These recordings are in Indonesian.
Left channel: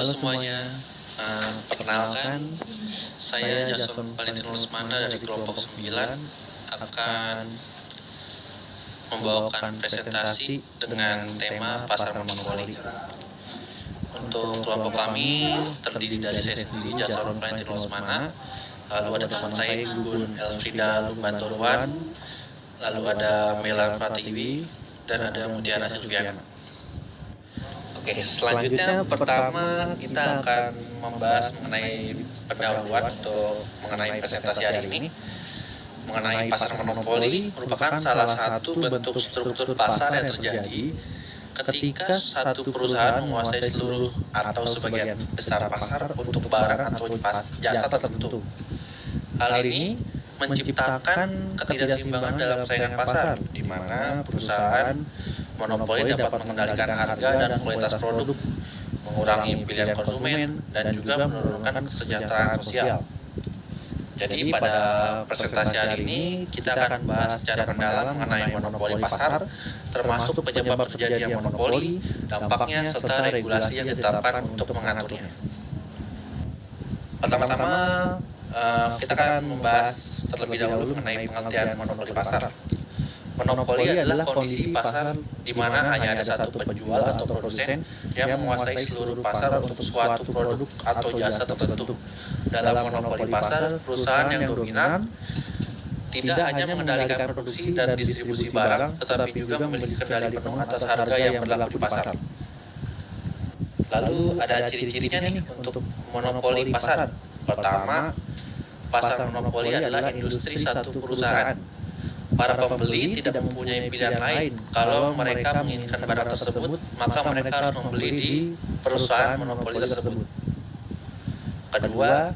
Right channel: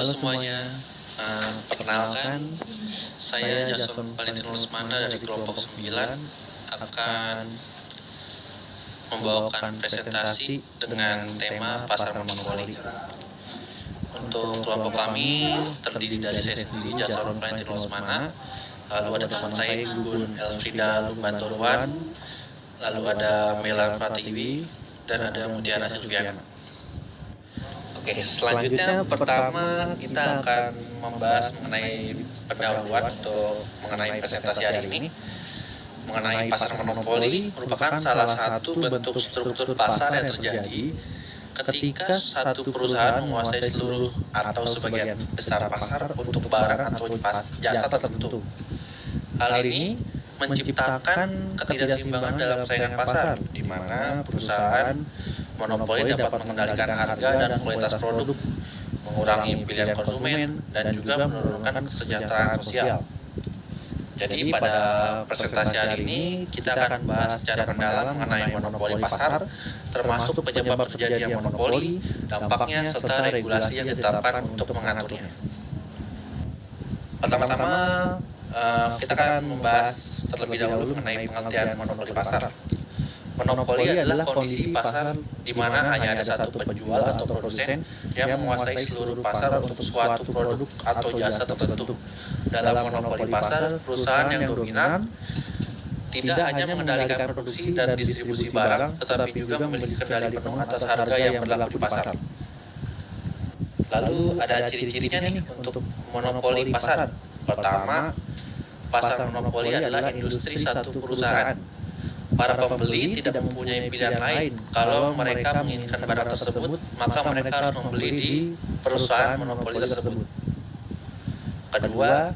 Halo semuanya, perkenalkan saya Jason Valentinus Manda dari kelompok 9 akan membawakan presentasi dengan tema pasar monopoli. Untuk kelompok kami terdiri dari saya sendiri Jason Valentinus Manda, lalu ada teman saya Gugun Elfrida Lumbantoruan, lalu ada Melan Pratiwi, dan ada Mutiara Silviana. Oke, selanjutnya pertama kita akan membahas mengenai pendahuluan untuk mengenai presentasi hari ini. Mengenai pasar monopoli merupakan salah satu bentuk struktur pasar yang terjadi ketika satu perusahaan menguasai seluruh atau sebagian besar pasar untuk barang atau jasa tertentu. Hal ini menciptakan ketidakseimbangan dalam saingan pasar, di mana perusahaan monopoli dapat mengendalikan harga dan kualitas produk, mengurangi pilihan konsumen, dan juga menurunkan kesejahteraan sosial. Jadi pada presentasi hari ini kita akan membahas secara mendalam mengenai monopoli pasar, termasuk penyebab terjadinya monopoli, dampaknya, serta regulasi yang ditetapkan untuk mengaturnya. Pertama-tama kita akan membahas terlebih dahulu mengenai pengertian monopoli pasar. Monopoli adalah kondisi pasar di mana hanya ada satu penjual atau produsen yang menguasai seluruh pasar untuk suatu produk atau jasa tertentu. Dalam monopoli pasar, perusahaan yang dominan tidak hanya mengendalikan produksi dan distribusi barang, tetapi juga memiliki kendali penuh atas harga yang berlaku di pasar. Lalu ada ciri-cirinya nih untuk monopoli pasar. Pertama, pasar monopoli adalah industri satu perusahaan. Para pembeli tidak mempunyai pilihan lain. Kalau mereka menginginkan barang tersebut, maka mereka harus membeli di perusahaan monopoli tersebut. Kedua,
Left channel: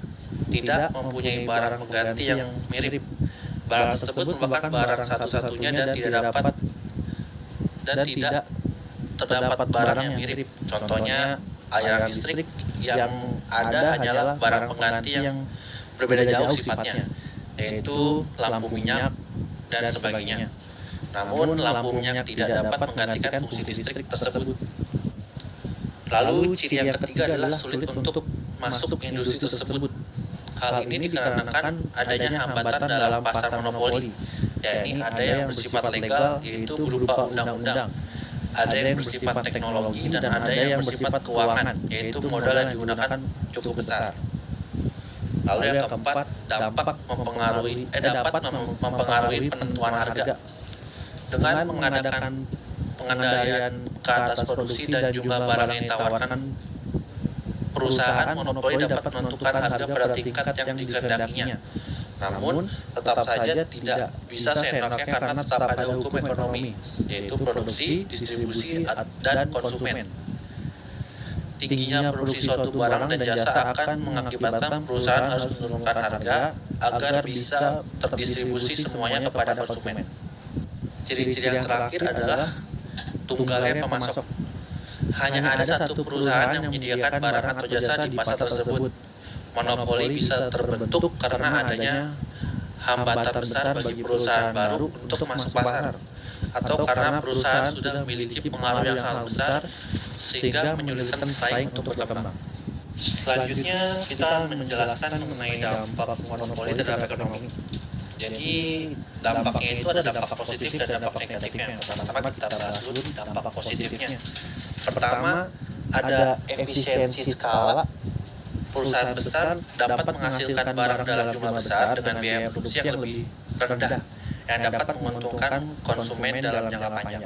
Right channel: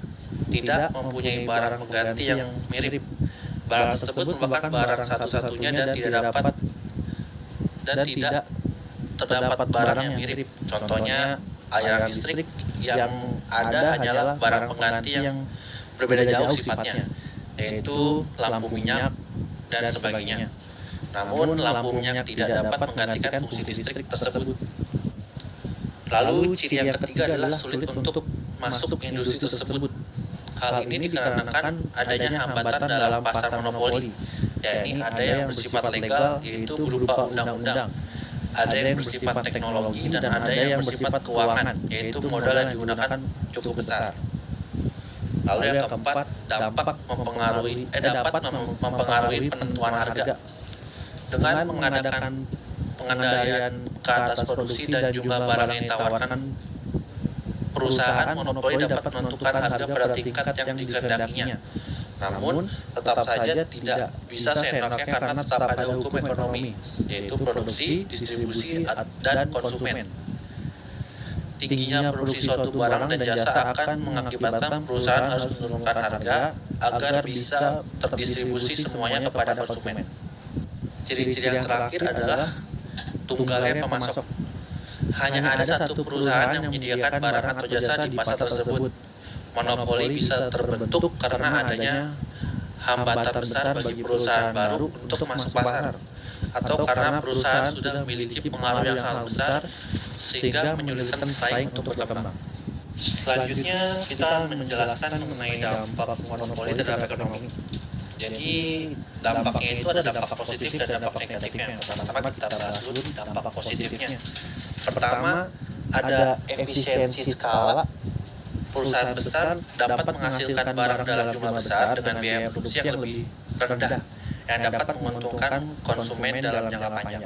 tidak mempunyai barang pengganti yang mirip. Barang tersebut merupakan barang satu-satunya dan tidak terdapat barang yang mirip. Contohnya, aliran listrik yang ada hanyalah barang pengganti yang berbeda jauh sifatnya, yaitu lampu minyak dan sebagainya. Namun lampu minyak tidak dapat menggantikan fungsi listrik tersebut. Lalu ciri yang ketiga adalah sulit untuk masuk ke industri tersebut. Hal ini dikarenakan adanya hambatan dalam pasar monopoli, yakni ada yang bersifat legal, yaitu berupa undang-undang, ada yang bersifat teknologi, dan ada yang bersifat keuangan, yaitu modal yang digunakan cukup besar. Lalu yang keempat, dapat mempengaruhi penentuan harga. Dengan mengadakan pengendalian ke atas produksi dan jumlah barang yang ditawarkan, perusahaan monopoli dapat menentukan harga pada tingkat yang dikehendakinya. Namun, tetap saja tidak bisa seenaknya karena tetap ada hukum ekonomi, yaitu produksi, distribusi, dan konsumen. Tingginya produksi suatu barang dan jasa akan mengakibatkan perusahaan harus menurunkan harga agar bisa terdistribusi semuanya kepada konsumen. Ciri-ciri yang terakhir adalah tunggalnya pemasok. Hanya ada satu perusahaan yang menyediakan barang atau jasa di pasar tersebut. Monopoli bisa terbentuk karena adanya hambatan besar bagi perusahaan baru untuk masuk pasar, atau karena perusahaan sudah memiliki pengaruh yang sangat besar sehingga menyulitkan pesaing untuk berkembang. Selanjutnya kita menjelaskan mengenai dampak monopoli terhadap ekonomi. Jadi dampaknya itu ada dampak positif dan dampak negatifnya. Pertama kita bahas dulu dampak positifnya. Pertama, ada efisiensi skala. Perusahaan besar dapat menghasilkan barang dalam jumlah besar dengan biaya produksi yang lebih rendah, yang dapat menguntungkan konsumen dalam jangka panjang.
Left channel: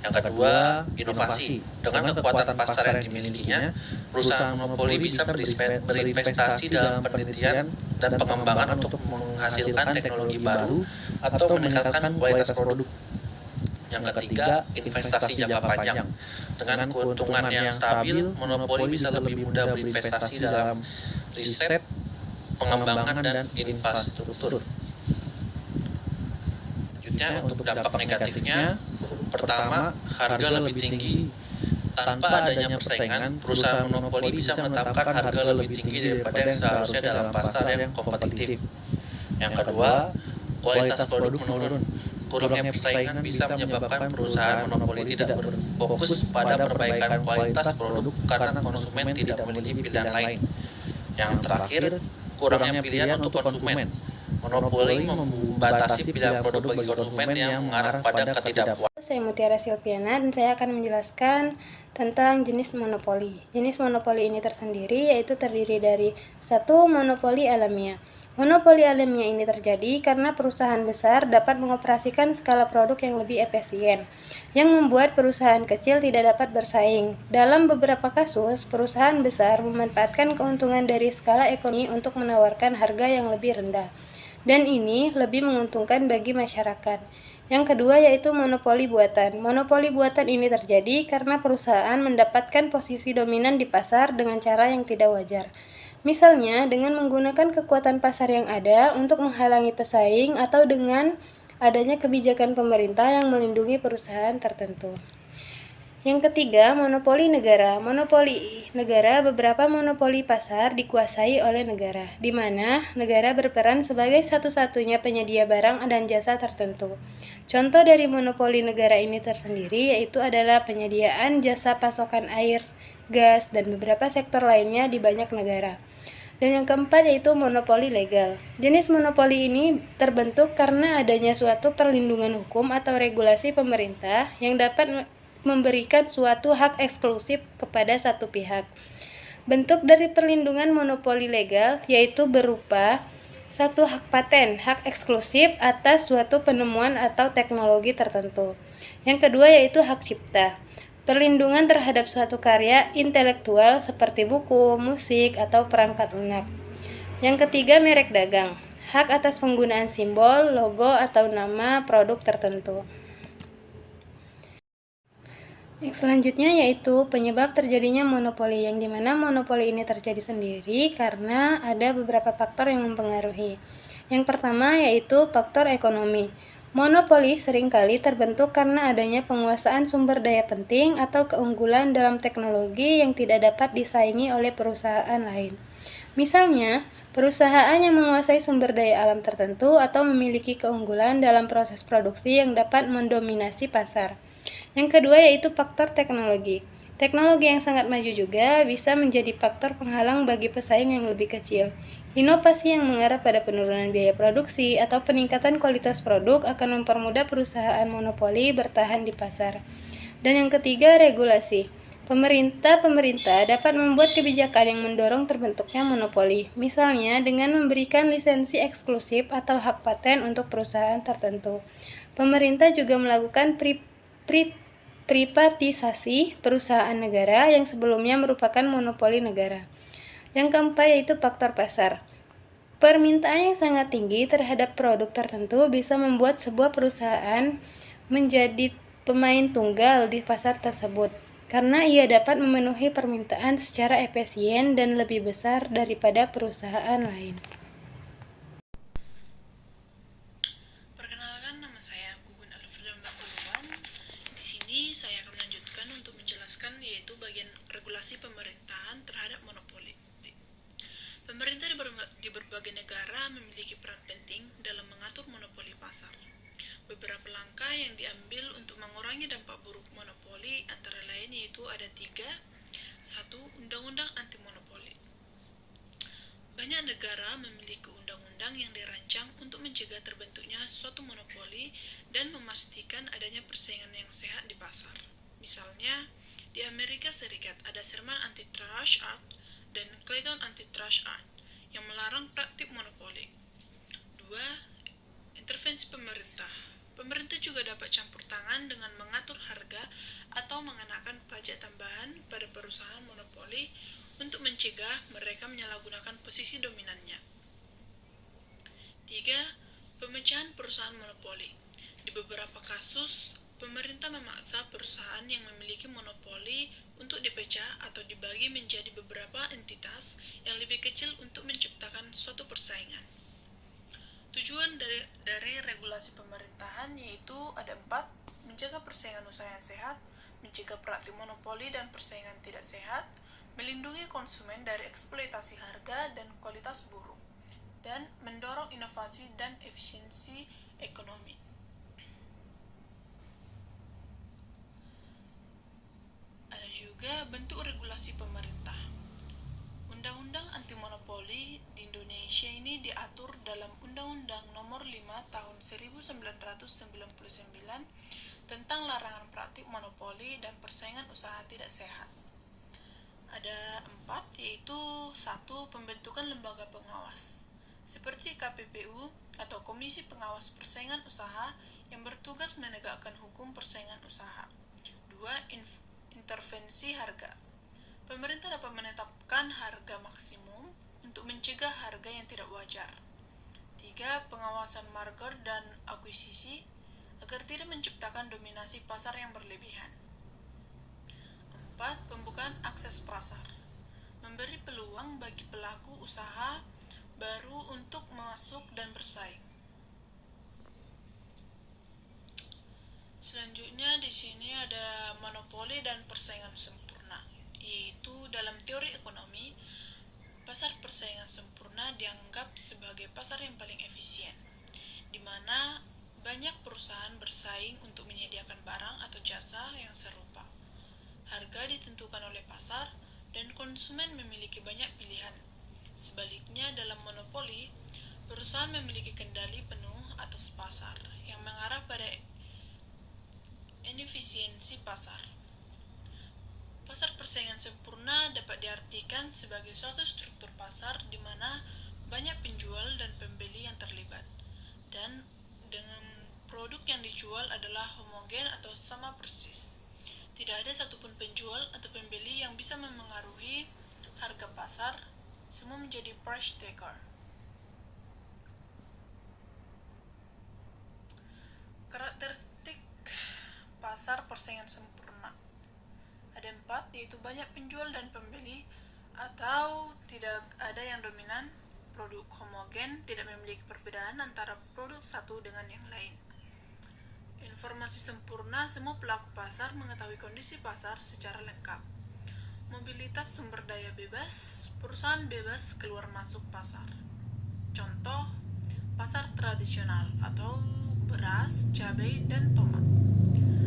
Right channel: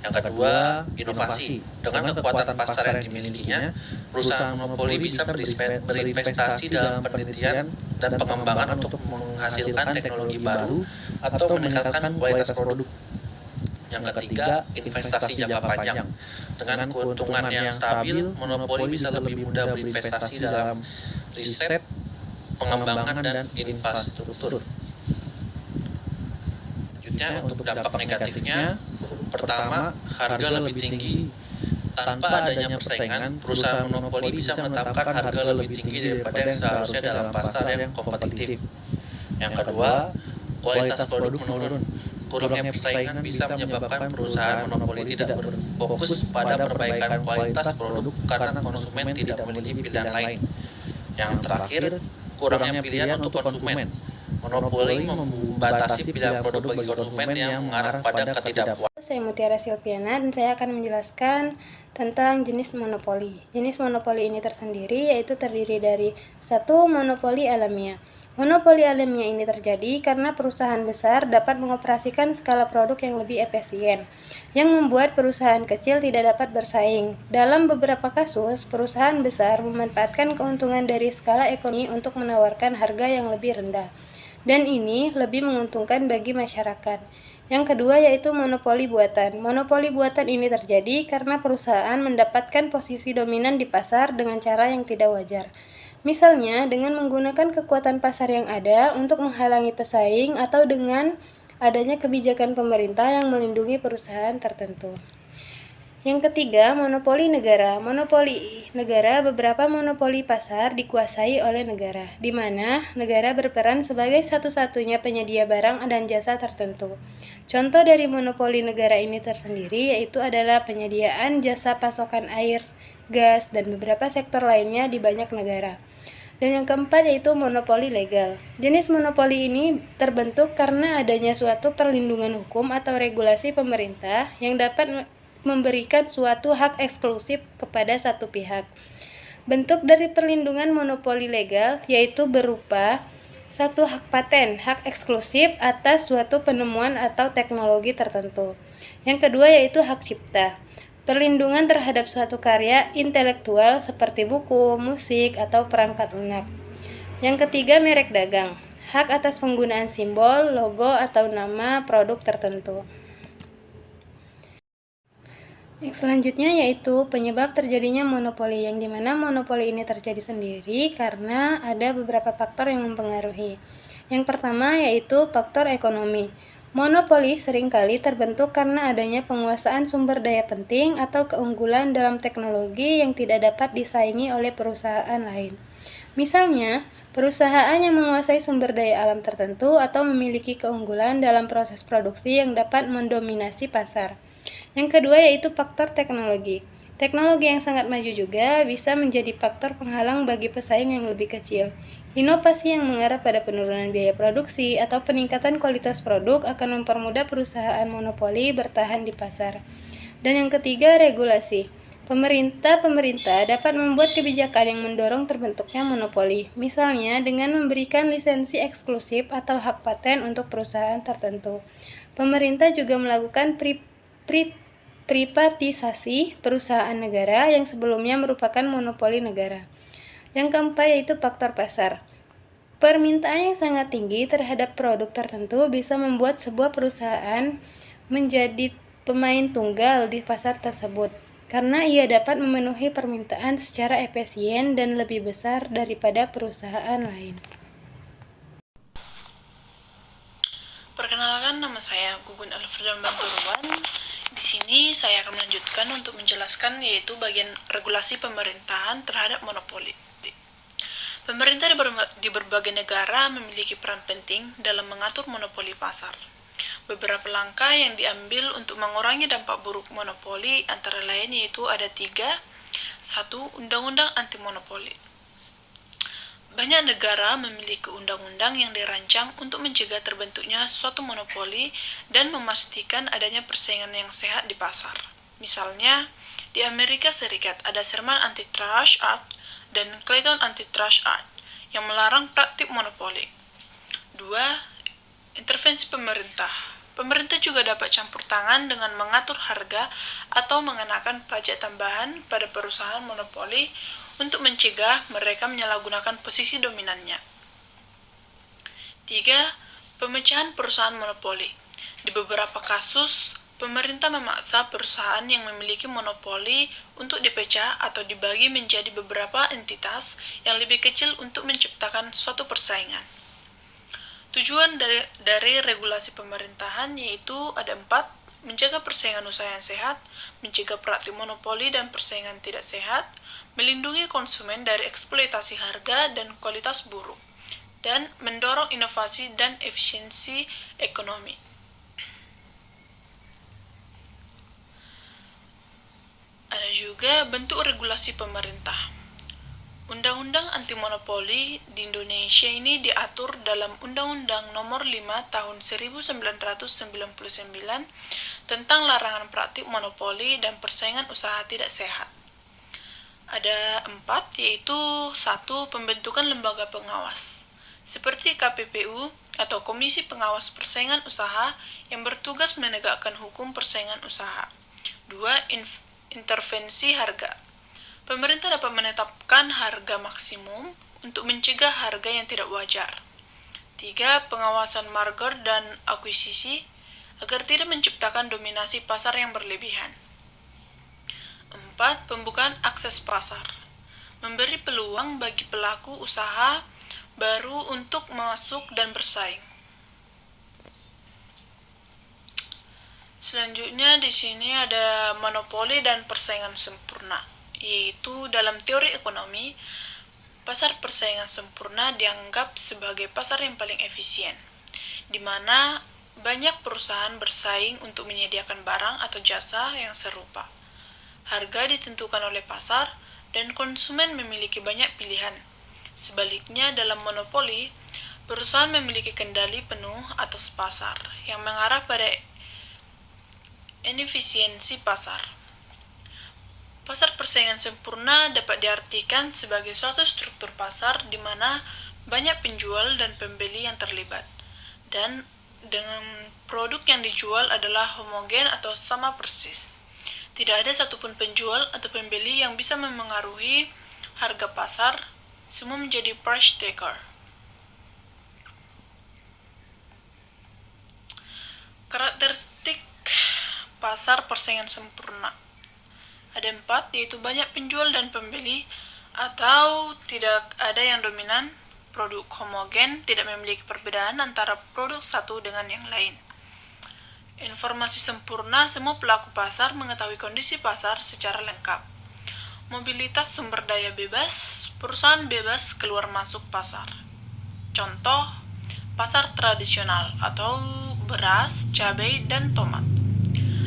Yang kedua, inovasi. Dengan kekuatan pasar yang dimilikinya, perusahaan monopoli bisa berinvestasi dalam penelitian dan pengembangan untuk menghasilkan teknologi baru atau meningkatkan kualitas produk. Yang ketiga, investasi jangka panjang. Dengan keuntungan yang stabil, monopoli bisa lebih mudah berinvestasi dalam riset, pengembangan, dan infrastruktur. Selanjutnya, untuk dampak negatifnya, pertama, harga lebih tinggi. Tanpa adanya persaingan, perusahaan monopoli bisa menetapkan harga lebih tinggi daripada yang seharusnya dalam pasar yang kompetitif. Yang kedua, kualitas produk menurun. Kurangnya persaingan bisa menyebabkan perusahaan monopoli tidak berfokus pada perbaikan kualitas produk karena konsumen tidak memiliki pilihan lain. Yang terakhir, kurangnya pilihan untuk konsumen. Monopoli membatasi pilihan produk bagi konsumen yang mengarah pada ketidakpuasan. Saya Mutiara Silviana dan saya akan menjelaskan tentang jenis monopoli. Jenis monopoli ini tersendiri yaitu terdiri dari 1. Monopoli alamiah. Monopoli alamiah ini terjadi karena perusahaan besar dapat mengoperasikan skala produk yang lebih efisien, yang membuat perusahaan kecil tidak dapat bersaing. Dalam beberapa kasus, perusahaan besar memanfaatkan keuntungan dari skala ekonomi untuk menawarkan harga yang lebih rendah, dan ini lebih menguntungkan bagi masyarakat. Yang kedua yaitu monopoli buatan. Monopoli buatan ini terjadi karena perusahaan mendapatkan posisi dominan di pasar dengan cara yang tidak wajar. Misalnya dengan menggunakan kekuatan pasar yang ada untuk menghalangi pesaing atau dengan adanya kebijakan pemerintah yang melindungi perusahaan tertentu. Yang ketiga, monopoli negara. Monopoli negara, beberapa monopoli pasar dikuasai oleh negara, di mana negara berperan sebagai satu-satunya penyedia barang dan jasa tertentu. Contoh dari monopoli negara ini tersendiri yaitu adalah penyediaan jasa pasokan air, gas, dan beberapa sektor lainnya di banyak negara. Dan yang keempat yaitu monopoli legal. Jenis monopoli ini terbentuk karena adanya suatu perlindungan hukum atau regulasi pemerintah yang dapat memberikan suatu hak eksklusif kepada satu pihak. Bentuk dari perlindungan monopoli legal yaitu berupa 1. Hak paten, hak eksklusif atas suatu penemuan atau teknologi tertentu. Yang kedua yaitu hak cipta, perlindungan terhadap suatu karya intelektual seperti buku, musik, atau perangkat lunak. Yang ketiga merek dagang, hak atas penggunaan simbol, logo, atau nama produk tertentu. Yang selanjutnya yaitu penyebab terjadinya monopoli, yang dimana monopoli ini terjadi sendiri karena ada beberapa faktor yang mempengaruhi. Yang pertama yaitu faktor ekonomi. Monopoli seringkali terbentuk karena adanya penguasaan sumber daya penting atau keunggulan dalam teknologi yang tidak dapat disaingi oleh perusahaan lain. Misalnya, perusahaan yang menguasai sumber daya alam tertentu atau memiliki keunggulan dalam proses produksi yang dapat mendominasi pasar. Yang kedua yaitu faktor teknologi. Teknologi yang sangat maju juga bisa menjadi faktor penghalang bagi pesaing yang lebih kecil. Inovasi yang mengarah pada penurunan biaya produksi atau peningkatan kualitas produk akan mempermudah perusahaan monopoli bertahan di pasar. Dan yang ketiga, regulasi. Pemerintah dapat membuat kebijakan yang mendorong terbentuknya monopoli, misalnya dengan memberikan lisensi eksklusif atau hak paten untuk perusahaan tertentu. Pemerintah juga melakukan privatisasi perusahaan negara yang sebelumnya merupakan monopoli negara. Yang keempat yaitu faktor pasar. Permintaan yang sangat tinggi terhadap produk tertentu bisa membuat sebuah perusahaan menjadi pemain tunggal di pasar tersebut, karena ia dapat memenuhi permintaan secara efisien dan lebih besar daripada perusahaan lain. Perkenalkan, nama saya Gugun Alfreda Banturuan. Di sini saya akan melanjutkan untuk menjelaskan yaitu bagian regulasi pemerintahan terhadap monopoli. Pemerintah di berbagai negara memiliki peran penting dalam mengatur monopoli pasar. Beberapa langkah yang diambil untuk mengurangi dampak buruk monopoli antara lain yaitu ada 3. 1. Undang-undang anti monopoli. Banyak negara memiliki undang-undang yang dirancang untuk mencegah terbentuknya suatu monopoli dan memastikan adanya persaingan yang sehat di pasar. Misalnya, di Amerika Serikat ada Sherman Antitrust Act dan Clayton Antitrust Act yang melarang praktik monopoli. 2. Intervensi pemerintah. Pemerintah juga dapat campur tangan dengan mengatur harga atau mengenakan pajak tambahan pada perusahaan monopoli untuk mencegah mereka menyalahgunakan posisi dominannya. 3. Pemecahan perusahaan monopoli. Di beberapa kasus, pemerintah memaksa perusahaan yang memiliki monopoli untuk dipecah atau dibagi menjadi beberapa entitas yang lebih kecil untuk menciptakan suatu persaingan. Tujuan dari regulasi pemerintahan yaitu ada 4, menjaga persaingan usaha yang sehat, mencegah praktik monopoli dan persaingan tidak sehat, melindungi konsumen dari eksploitasi harga dan kualitas buruk, dan mendorong inovasi dan efisiensi ekonomi. Ada juga bentuk regulasi pemerintah. Undang-undang anti monopoli di Indonesia ini diatur dalam Undang-Undang Nomor 5 Tahun 1999 tentang larangan praktik monopoli dan persaingan usaha tidak sehat. Ada 4, yaitu 1. Pembentukan lembaga pengawas, seperti KPPU atau Komisi Pengawas Persaingan Usaha yang bertugas menegakkan hukum persaingan usaha. 2. Intervensi harga. Pemerintah dapat menetapkan harga maksimum untuk mencegah harga yang tidak wajar. 3. Pengawasan market dan akuisisi agar tidak menciptakan dominasi pasar yang berlebihan. 4. Pembukaan akses pasar. Memberi peluang bagi pelaku usaha baru untuk masuk dan bersaing. Selanjutnya di sini ada monopoli dan persaingan sempurna. Yaitu dalam teori ekonomi, pasar persaingan sempurna dianggap sebagai pasar yang paling efisien, di mana banyak perusahaan bersaing untuk menyediakan barang atau jasa yang serupa. Harga ditentukan oleh pasar, dan konsumen memiliki banyak pilihan. Sebaliknya, dalam monopoli, perusahaan memiliki kendali penuh atas pasar, yang mengarah pada inefisiensi pasar. Pasar persaingan sempurna dapat diartikan sebagai suatu struktur pasar di mana banyak penjual dan pembeli yang terlibat, dan dengan produk yang dijual adalah homogen atau sama persis. Tidak ada satupun penjual atau pembeli yang bisa memengaruhi harga pasar, semua menjadi price taker. Karakteristik pasar persaingan sempurna ada 4, yaitu banyak penjual dan pembeli, atau tidak ada yang dominan, produk homogen, tidak memiliki perbedaan antara produk satu dengan yang lain. Informasi sempurna, semua pelaku pasar mengetahui kondisi pasar secara lengkap. Mobilitas sumber daya bebas, perusahaan bebas keluar masuk pasar. Contoh, pasar tradisional atau beras, cabai, dan tomat.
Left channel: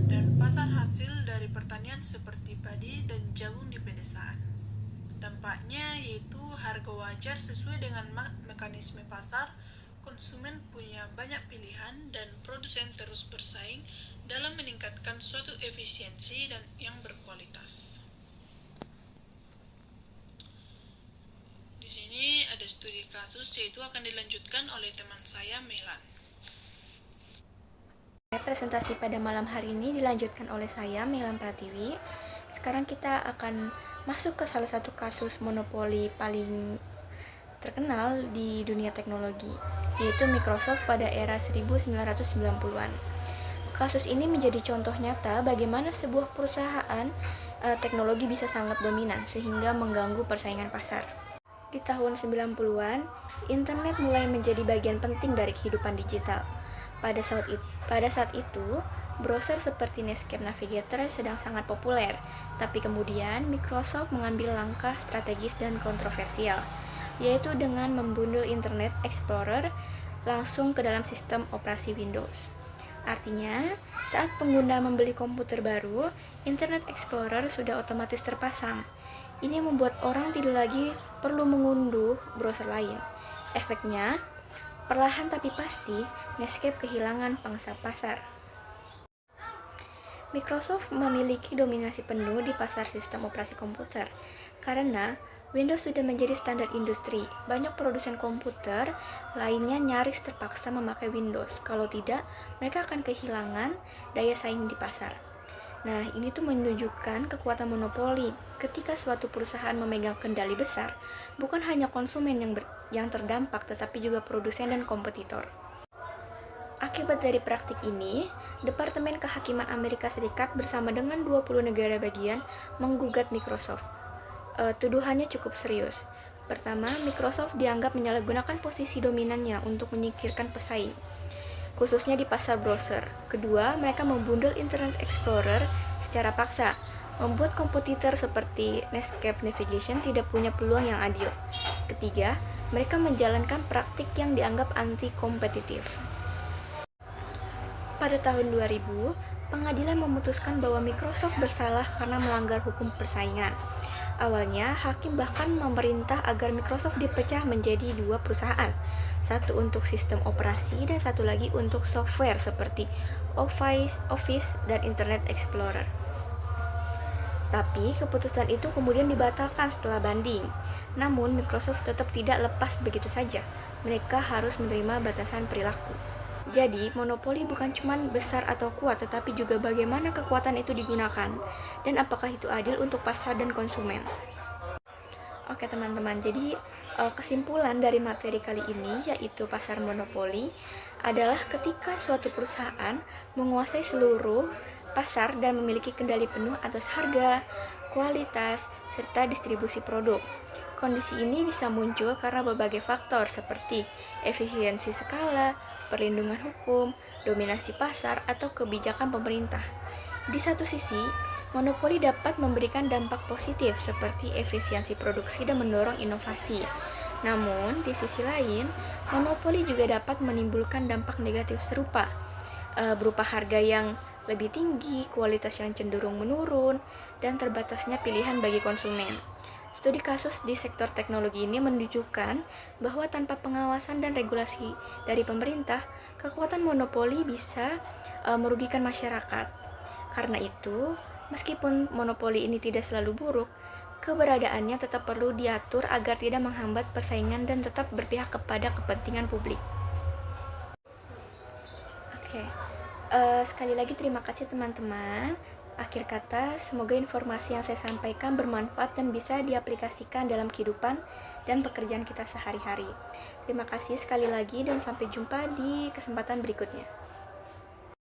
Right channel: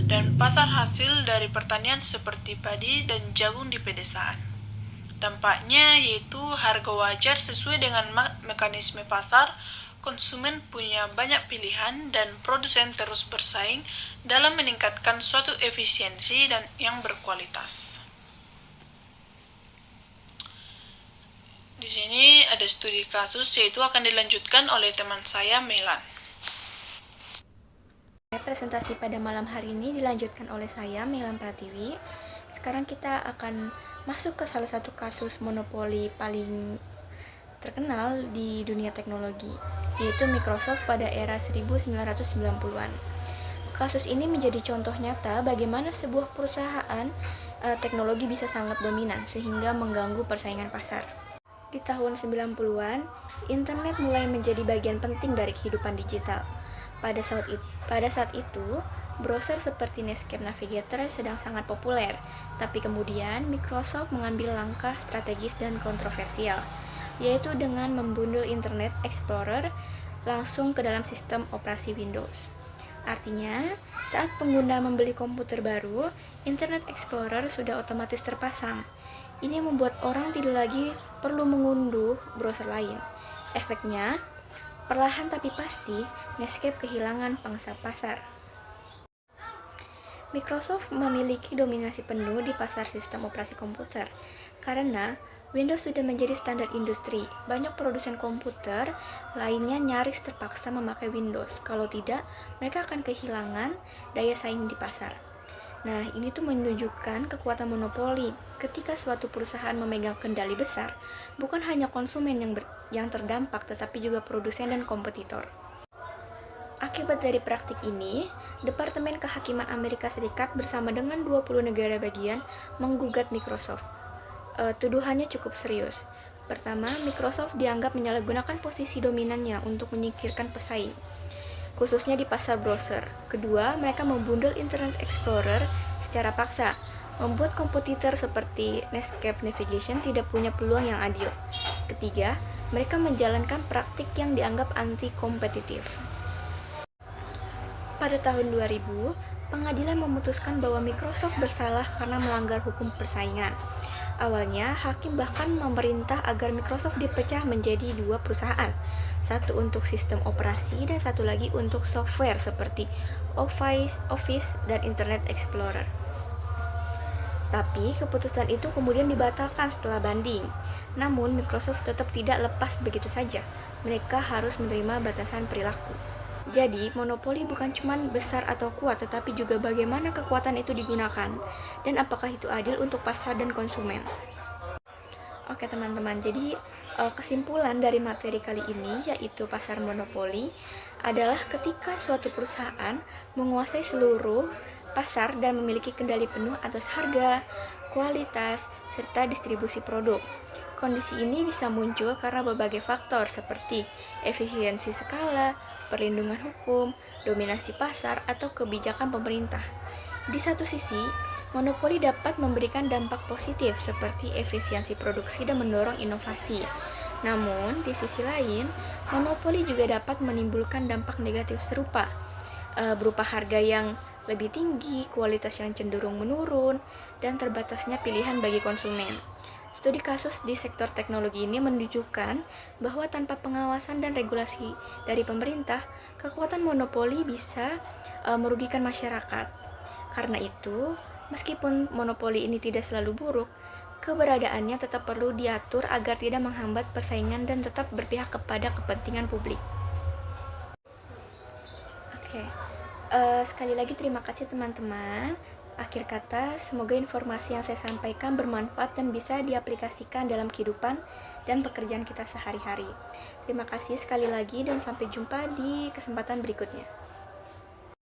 Dan pasar hasil dari pertanian seperti padi dan jagung di pedesaan. Dampaknya yaitu harga wajar sesuai dengan mekanisme pasar, konsumen punya banyak pilihan, dan produsen terus bersaing dalam meningkatkan suatu efisiensi dan yang berkualitas. Di sini ada studi kasus, yaitu akan dilanjutkan oleh teman saya, Melan. Presentasi pada malam hari ini dilanjutkan oleh saya, Melan Pratiwi. Sekarang kita akan masuk ke salah satu kasus monopoli paling terkenal di dunia teknologi, yaitu Microsoft pada era 1990-an. Kasus ini menjadi contoh nyata bagaimana sebuah perusahaan teknologi bisa sangat dominan sehingga mengganggu persaingan pasar. Di tahun 90-an, internet mulai menjadi bagian penting dari kehidupan digital. Pada saat itu, browser seperti Netscape Navigator sedang sangat populer, tapi kemudian Microsoft mengambil langkah strategis dan kontroversial, yaitu dengan membundel Internet Explorer langsung ke dalam sistem operasi Windows. Artinya, saat pengguna membeli komputer baru, Internet Explorer sudah otomatis terpasang. Ini membuat orang tidak lagi perlu mengunduh browser lain. Efeknya, perlahan tapi pasti, Netscape kehilangan pangsa pasar. Microsoft memiliki dominasi penuh di pasar sistem operasi komputer, karena Windows sudah menjadi standar industri. Banyak produsen komputer lainnya nyaris terpaksa memakai Windows. Kalau tidak, mereka akan kehilangan daya saing di pasar. Nah, ini tuh menunjukkan kekuatan monopoli. Ketika suatu perusahaan memegang kendali besar, bukan hanya konsumen yang terdampak, tetapi juga produsen dan kompetitor. Akibat dari praktik ini, Departemen Kehakiman Amerika Serikat bersama dengan 20 negara bagian menggugat Microsoft. Tuduhannya cukup serius. Pertama, Microsoft dianggap menyalahgunakan posisi dominannya untuk menyingkirkan pesaing, khususnya di pasar browser. Kedua, mereka membundel Internet Explorer secara paksa, membuat kompetitor seperti Netscape Navigation tidak punya peluang yang adil. Ketiga, mereka menjalankan praktik yang dianggap anti-kompetitif. Pada tahun 2000, pengadilan memutuskan bahwa Microsoft bersalah karena melanggar hukum persaingan. Awalnya, hakim bahkan memerintah agar Microsoft dipecah menjadi 2 perusahaan, satu untuk sistem operasi dan satu lagi untuk software seperti Office dan Internet Explorer. Tapi keputusan itu kemudian dibatalkan setelah banding. Namun Microsoft tetap tidak lepas begitu saja. Mereka harus menerima batasan perilaku. Jadi, monopoli bukan cuma besar atau kuat, tetapi juga bagaimana kekuatan itu digunakan dan apakah itu adil untuk pasar dan konsumen. Oke teman-teman, jadi kesimpulan dari materi kali ini yaitu pasar monopoli adalah ketika suatu perusahaan menguasai seluruh pasar dan memiliki kendali penuh atas harga, kualitas, serta distribusi produk. Kondisi ini bisa muncul karena berbagai faktor seperti efisiensi skala, perlindungan hukum, dominasi pasar, atau kebijakan pemerintah. Di satu sisi, monopoli dapat memberikan dampak positif seperti efisiensi produksi dan mendorong inovasi. Namun, di sisi lain, monopoli juga dapat menimbulkan dampak negatif serupa, berupa harga yang lebih tinggi, kualitas yang cenderung menurun, dan terbatasnya pilihan bagi konsumen. Studi kasus di sektor teknologi ini menunjukkan bahwa tanpa pengawasan dan regulasi dari pemerintah, kekuatan monopoli bisa merugikan masyarakat. Karena itu, meskipun monopoli ini tidak selalu buruk, keberadaannya tetap perlu diatur agar tidak menghambat persaingan dan tetap berpihak kepada kepentingan publik. Oke. Sekali lagi terima kasih teman-teman. Akhir kata, semoga informasi yang saya sampaikan bermanfaat dan bisa diaplikasikan dalam kehidupan dan pekerjaan kita sehari-hari. Terima kasih sekali lagi dan sampai jumpa di kesempatan berikutnya.